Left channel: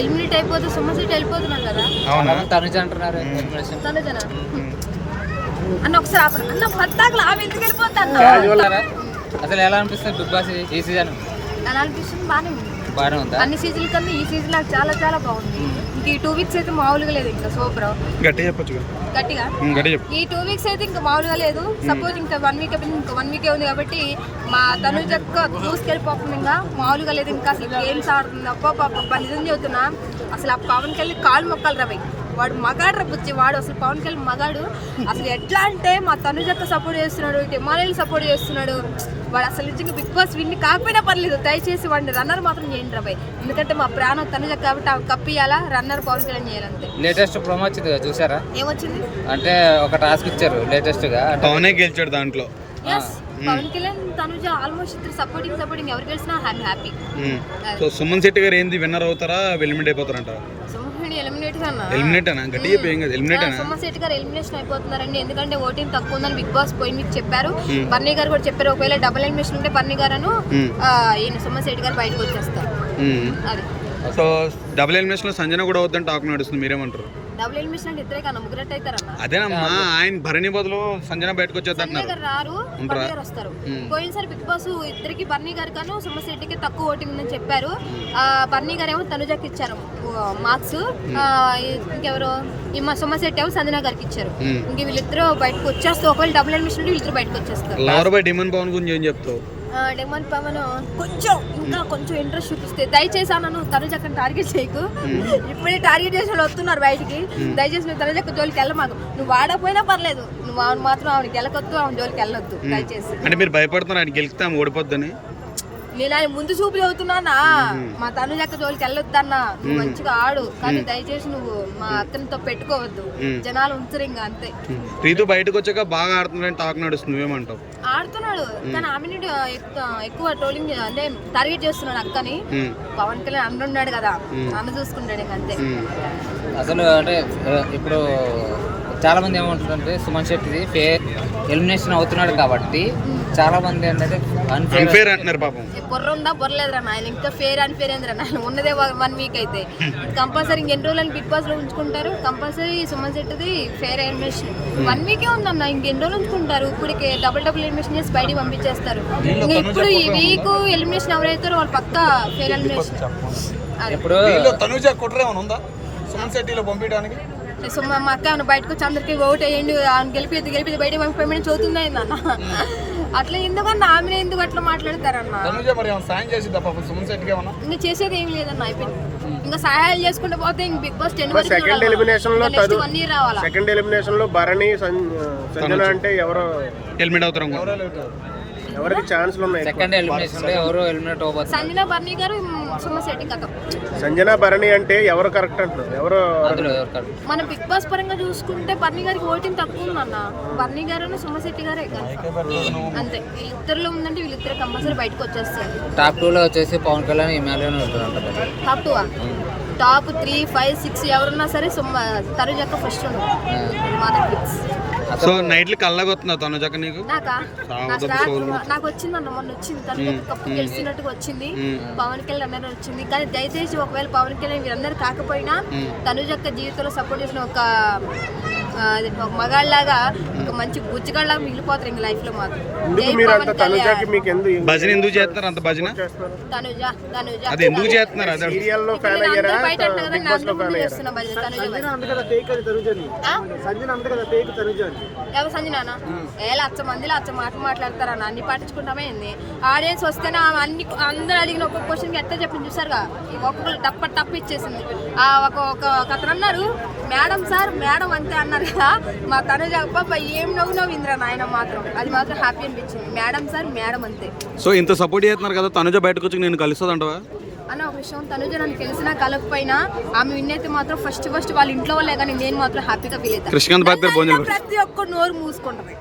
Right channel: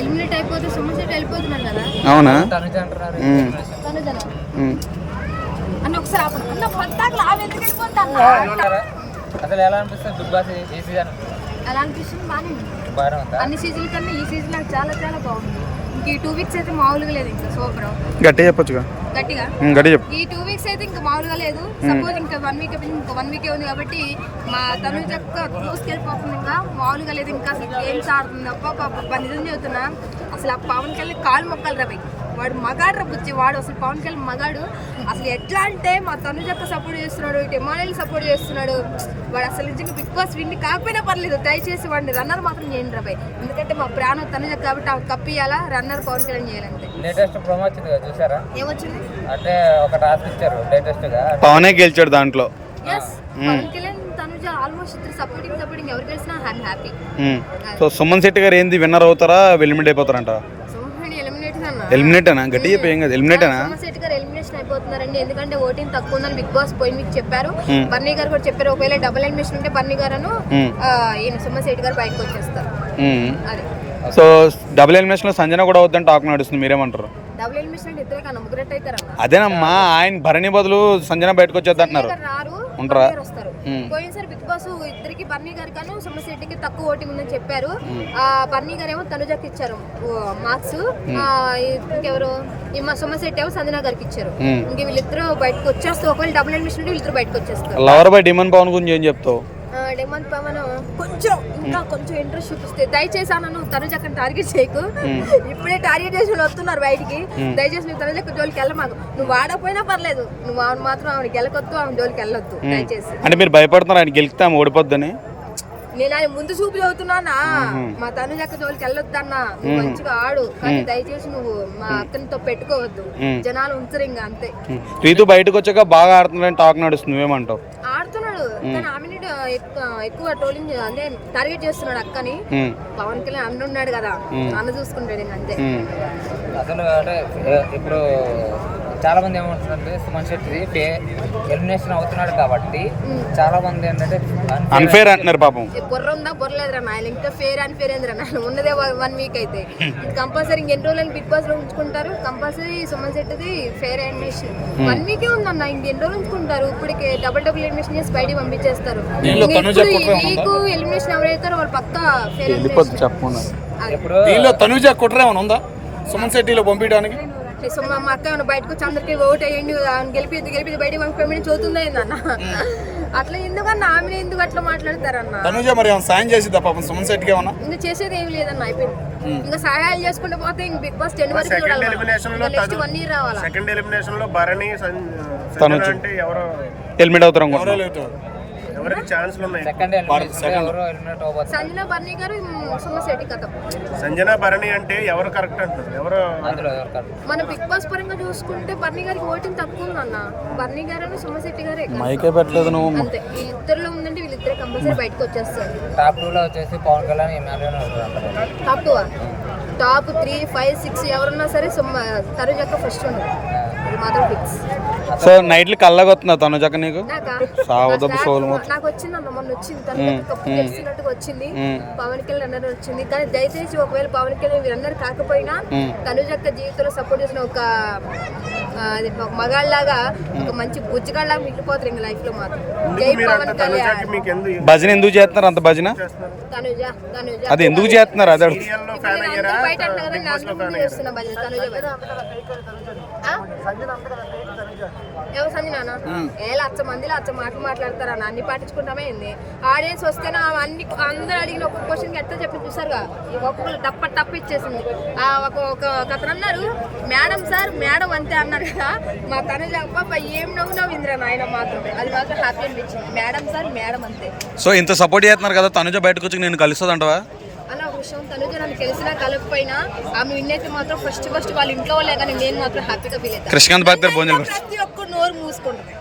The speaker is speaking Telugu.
ఎలిమినేట్ అయిపోతే సుమన్ వెళ్ళిపోతున్నారు కదా. అవునా? తనుజనా అన్న ఒకసారి ఆపండి అన్న. పద్దాకులు ఆమె ఎందుకు వెళ్ళిపోద్ది అన్న? అసలు ఎలా అనిపిస్తుంది బిగ్ బాస్ ఈ సీజన్? ఎలా అనిపిస్తుంది? బాగానే ఉంది. అన్ని సీజన్ల కన్నా ఈ సీజన్ నాకు చాలా చాలా బాగుంది. ఇంక ఈ 2 వీక్స్ అయితే మామూలుగా లేదు. ఇంకా సూపర్ గట్టిగా చెప్పొచ్చుగా. గట్టిగా ఈ 2 వీక్స్ అయితే ఇంకా మామూలుగా లేదు. సపోజ్ ఇంకా 1 వీక్ ఇంకా 1 వీకే ఉంది కాబట్టి మా తనుజ దూసుకెళ్ళిపోతుంది. ఇంకా మామూలుగా లేదు. ఇంకా అసలు గేమ్స్ ఆడుతుంది. అబ్బా నిజం చెబుతున్నా, అసలు ఆ పవన్ కళ్యాణ్ కాలు మొక్కలు రాబాయి. వాడు మగాడు రబ్బుచ్చి వాడు అసలు పవన్ కళ్యాణ్ మగాడు. అసలు ఎట్లా అంటే మా తనుజక్క సపోర్ట్ చేస్తున్నాడు, హిమాలయని సపోర్ట్ చేస్తున్నాడు. వాడు అసలు నిజంగా బిగ్ బాస్ విన్ కాకపోయినా పర్లేదు, దయచేసి వాడిని రన్నర్ మాత్రం చేయండి రాబాయ్. ఎందుకంటే మా ప్రాణం తనుజక్క కాబట్టి ఆమె కప్పియాలా, రన్నర్ పవన్ కళ్యాణ్ చేయాలంతే. లేటెస్ట్ ప్రోమో వచ్చింది చూసారా? ఏమొచ్చింది అంటే ఒక టాస్క్ ఇచ్చారు లేటెస్ట్ గా, పవనే గెలిచాడు దాంట్లో. ఎస్, పవన్ కళ్యాణ్ తనుజ ఆల్మోస్ట్ ఇద్దరు సపోర్టింగ్ ఎవరు గెలిచినా I'm happy. So Suman Shetty గారు ఏంది విన్నర్ అవుతారా ఎలిమినేట్ అయిపోతారంట? ఎలిమినేట్ అనా? గట్టి చెప్పేం కదా. ఎలిమినేట్ అనా? సుమన్ శెట్టి గారు ఎలిమినేషన్ అయిపోతున్నారండి. ఎందుకంటే ఓటింగ్ తక్కువ ఉందని బిగ్ బాస్ పోయిన వీక్ చెప్పారు. బర్నీ గారు కూడా చెప్పారు, ఒకవేళ డబుల్ ఎలిమినేషన్ ఉంటే బర్నీ గారు సుమన్ శెట్టి గారు బయటకు వచ్చేస్తారు. అది సో డబుల్ ఎలిమినేషన్ లో సంజన కూడా అవుతుందని టాక్ నడుస్తుంది, మీరేమంటారు? డబుల్ ఎలిమినేషన్ అంటే ఇద్దరే కన్నా ముగ్గురు అవుతారన్న. అదేనమ్మా, ఆయన భరణి బదులు సంజన బయటకు వచ్చేది అంటున్నారు. వస్తారు. పోయినసారి బిగ్ బాస్ ఇద్దరికి బర్నీ గారు కానీ సుమన్ శెట్టికి తక్కువ ఓటింగ్ ఉందని చెప్పారు. బర్నీ గారు ఏమో తనుజకి ఇచ్చారు మార్క్స్, ఇంకెవరు సుమన్ శెట్టి ఏమో సంజన గారికి ఇచ్చారు. ఇంక వీళ్ళిద్దరు బయటకు వచ్చేస్తారు. ఒకవేళ డబుల్ ఎలిమినేషన్ వీళ్ళిద్దరు బయటకు వచ్చేస్తారు. లవర్ బై డిమాండ్ పవన్ గురించి ఏం చెప్తావు? డిమాండ్ పవన్ కొంచెం ఇంట్రెస్ట్ చూపిస్తే దయచేసి అన్న తనుజక్కని టార్గెట్ చేయకు. ఇప్పుడే టార్గెట్ చేసి వస్తున్నారు బయటికి. దయచేసి నువ్వు తనుజక్క జోలికి వెళ్ళమాకు. నువ్వు వాడకపోయినా పర్లేదు, నువ్వు ఆమె మాత్రం ఆవిడ గెలకొద్దు, ఆమె జోలికి వెళ్ళొద్దు దయచేసి. అంటే మీరు భయపడుతున్నారు ఆయన గెలిస్తే ఆమె ఓడిపోద్దని? నేను ఆయన ముందు చూపు చదువుతున్నానా, మా తనుజక్క జోలికి వెళ్ళొద్దన్నా. నువ్వు మంచిగా ఆడు, కానీ దయచేసి నువ్వు మా అక్కనితో పెట్టుకోవద్దు. జనాలు ఉంచరు ఇంకా అంతే. రీతు బయటకు వచ్చాక బాగా ఆడుతున్నాడని టాక్ నడుస్తుంది, నువ్వేమంటావు? ఆడుతున్నాడు, కానీ ఆమె ఎక్కువ ట్రోలింగ్ అంటే టార్గెట్ చేస్తున్నాడు అక్కని. పవన్ కళ్యాణ్ అన్న ఉన్నాడు కదా, అన్న చూసుకుంటాడు ఇంక అంతే. అసలు అంటే ఇప్పుడు చాలా మంది ఏమంటారంటే సుమన్ శెట్టి ఎలిమినేషన్ అవుతున్నాడు కాబట్టి చాలా మంది ఏంటంటే అన్ఫేర్ అంటున్నారు. పాపం బుర్ర ఉందా బుర్రలేదురా నాయన, ఇంకా ఫేర్ అన్ఫేర్ ఏందిరా నాయన. ఉన్నదే 1 వీక్ అయితే కంపల్సరీ ఇంకెన్ని రోజులు బిగ్ బాస్ లో ఉంచుకుంటారు. కంపల్సరీ సుమన్ శెట్టిది ఫేర్ ఎలిమినేషన్ 1 వీకే ఉందన్న, ఇంకెన్ని రోజులు ఉంచుకుంటారు. ఇప్పటికే డబుల్ ఎలిమినేషన్ చేసి బయటికి పంపించేస్తారు. ఇప్పుడు ఈ వీక్ ఎలిమినేషన్ ఎవరైతారో వాళ్ళు పక్కా ఫేర్ ఎలిమినేషన్. ఇప్పుడు తనుజ కుట్ర ఏమైనా ఉందా సుమన్ శెట్టిలో పంపించడానికి? మా అక్క బయటకు వచ్చి అందరికి ఓట్ వేయండి, గెలిపి బయటకు పంపించమని చదువుతుందా అన్న. అట్లా ఎందుకన్నా ఆమె ఎందుకు అట్లా మాట్లాడతారన్న? ఇంకా చేసేది ఏమి లేదన్న, అయిపోయింది. ఇంకా సహాయాలు చేసుకుంటూ పోతే ఇంక బిగ్ బాస్ 10 వరకు సెకండ్ ఎలిమినేషన్ లో నెక్స్ట్ 1 ఇయర్ రావాలా. సెకండ్ ఎలిమినేషన్ లో భరణి సంజన అంటే ఎవరో ఎలిమినేట్ అవుతారు. ఎవరికి ఛాన్స్లు ఉన్నాయి? సెకండ్ ఎలిమినేషన్ ఎవరో ఎలిమినేట్ అవ్వబోతున్నారు. సంజన బర్నీ గారు సుమన్ శెట్టి కథ. సంజన భరణి అంటే ఎవరు కరెక్ట్ అంటున్నారు? ఎవరు మన బిగ్ బాస్ పరంగా చూసుకుంటే బర్నీ గారికి ఓటింగ్ తక్కువ ఉందన్న. బర్నీ గారు సుమన్ శెట్టి గారే అంతే. వీళ్ళిద్దరిలో ఉందంటే వీళ్ళిద్దరే కంపల్సరీ బయటకు వచ్చేస్తారు. టాప్ 2 లో వచ్చేసి Pavan Kalyan Himalayan. Top 2 top 3, 5, 6 ఎవరున్నా సరే తనుజక్క ఫస్ట్ ఉండదు, అది మాత్రం ఫిక్స్. సో నైట్లు కళ్ళగొస్తున్నా తనుజక్క నీకు? నాకు వచ్చిందన్న, మొన్న వచ్చింది తనుజక్క కప్పు గెలిచినట్టుగా వచ్చింది. పవన్ కళ్యాణ్ రన్నర్ వచ్చింది. కానీ దయచేసి ఒకవేళ పవన్ కళ్యాణ్ వీరన్నర్ కాకపోయినా తనుజక్క జీవితంలో సపోర్ట్ చేసిన ఒక మగాళ్ళలాగా, ఒక మంచి బుజ్జగాళ్ళలాగా మిగిలిపోతారు ఇంకా లైఫ్ లో మాత్రం. భజన ఎందుకు చేస్తున్నారు అంత? భజన అది ఎందుకు చేస్తున్నారు? అదే ఎవరు సంజనా? లచ్చ మంది లచ్చ మాటలు మాట్లాడతారన్న, అన్ని పట్టించుకుంటామే. ఆడియన్స్ వస్తేనే అన్ని అందరూ అడిగిన ఒక్కొక్క క్వశ్చన్ ఎట్లా చెప్పింది చూసారుగా, ఒక్కొక్కరు టప్ప ఇచ్చేసింది. ఒక అతను అన్నారు, మేడం సార్ మేడం అంతే అన్నారు కదా. మా తనుజ అబ్బా ఏం నవ్విందిరా నాయన మాత్రం, అది మాత్రం హ్యాపీ అనిపించింది. మేడం సార్ మేడం అంతే. సో ఇంత సపోర్ట్ చేస్తున్నారు కదా, తనుజ బయటకు వచ్చి నేను కలుస్తుంది అంటవా అన్న? ఒక విషయం, తనుజ నన్ను కలిసినా కలకపోయినా ఆమె విన్నైతే మాత్రం ఫస్ట్ వాళ్ళ ఇంట్లో వాళ్ళే కానీ నేను మాత్రం హ్యాపీగా ఫీల్ అవుతాను. కృష్ణకాంత్ బాబు గారు ప్రతి ఒక్క నోరు మూసుకుంటుంది.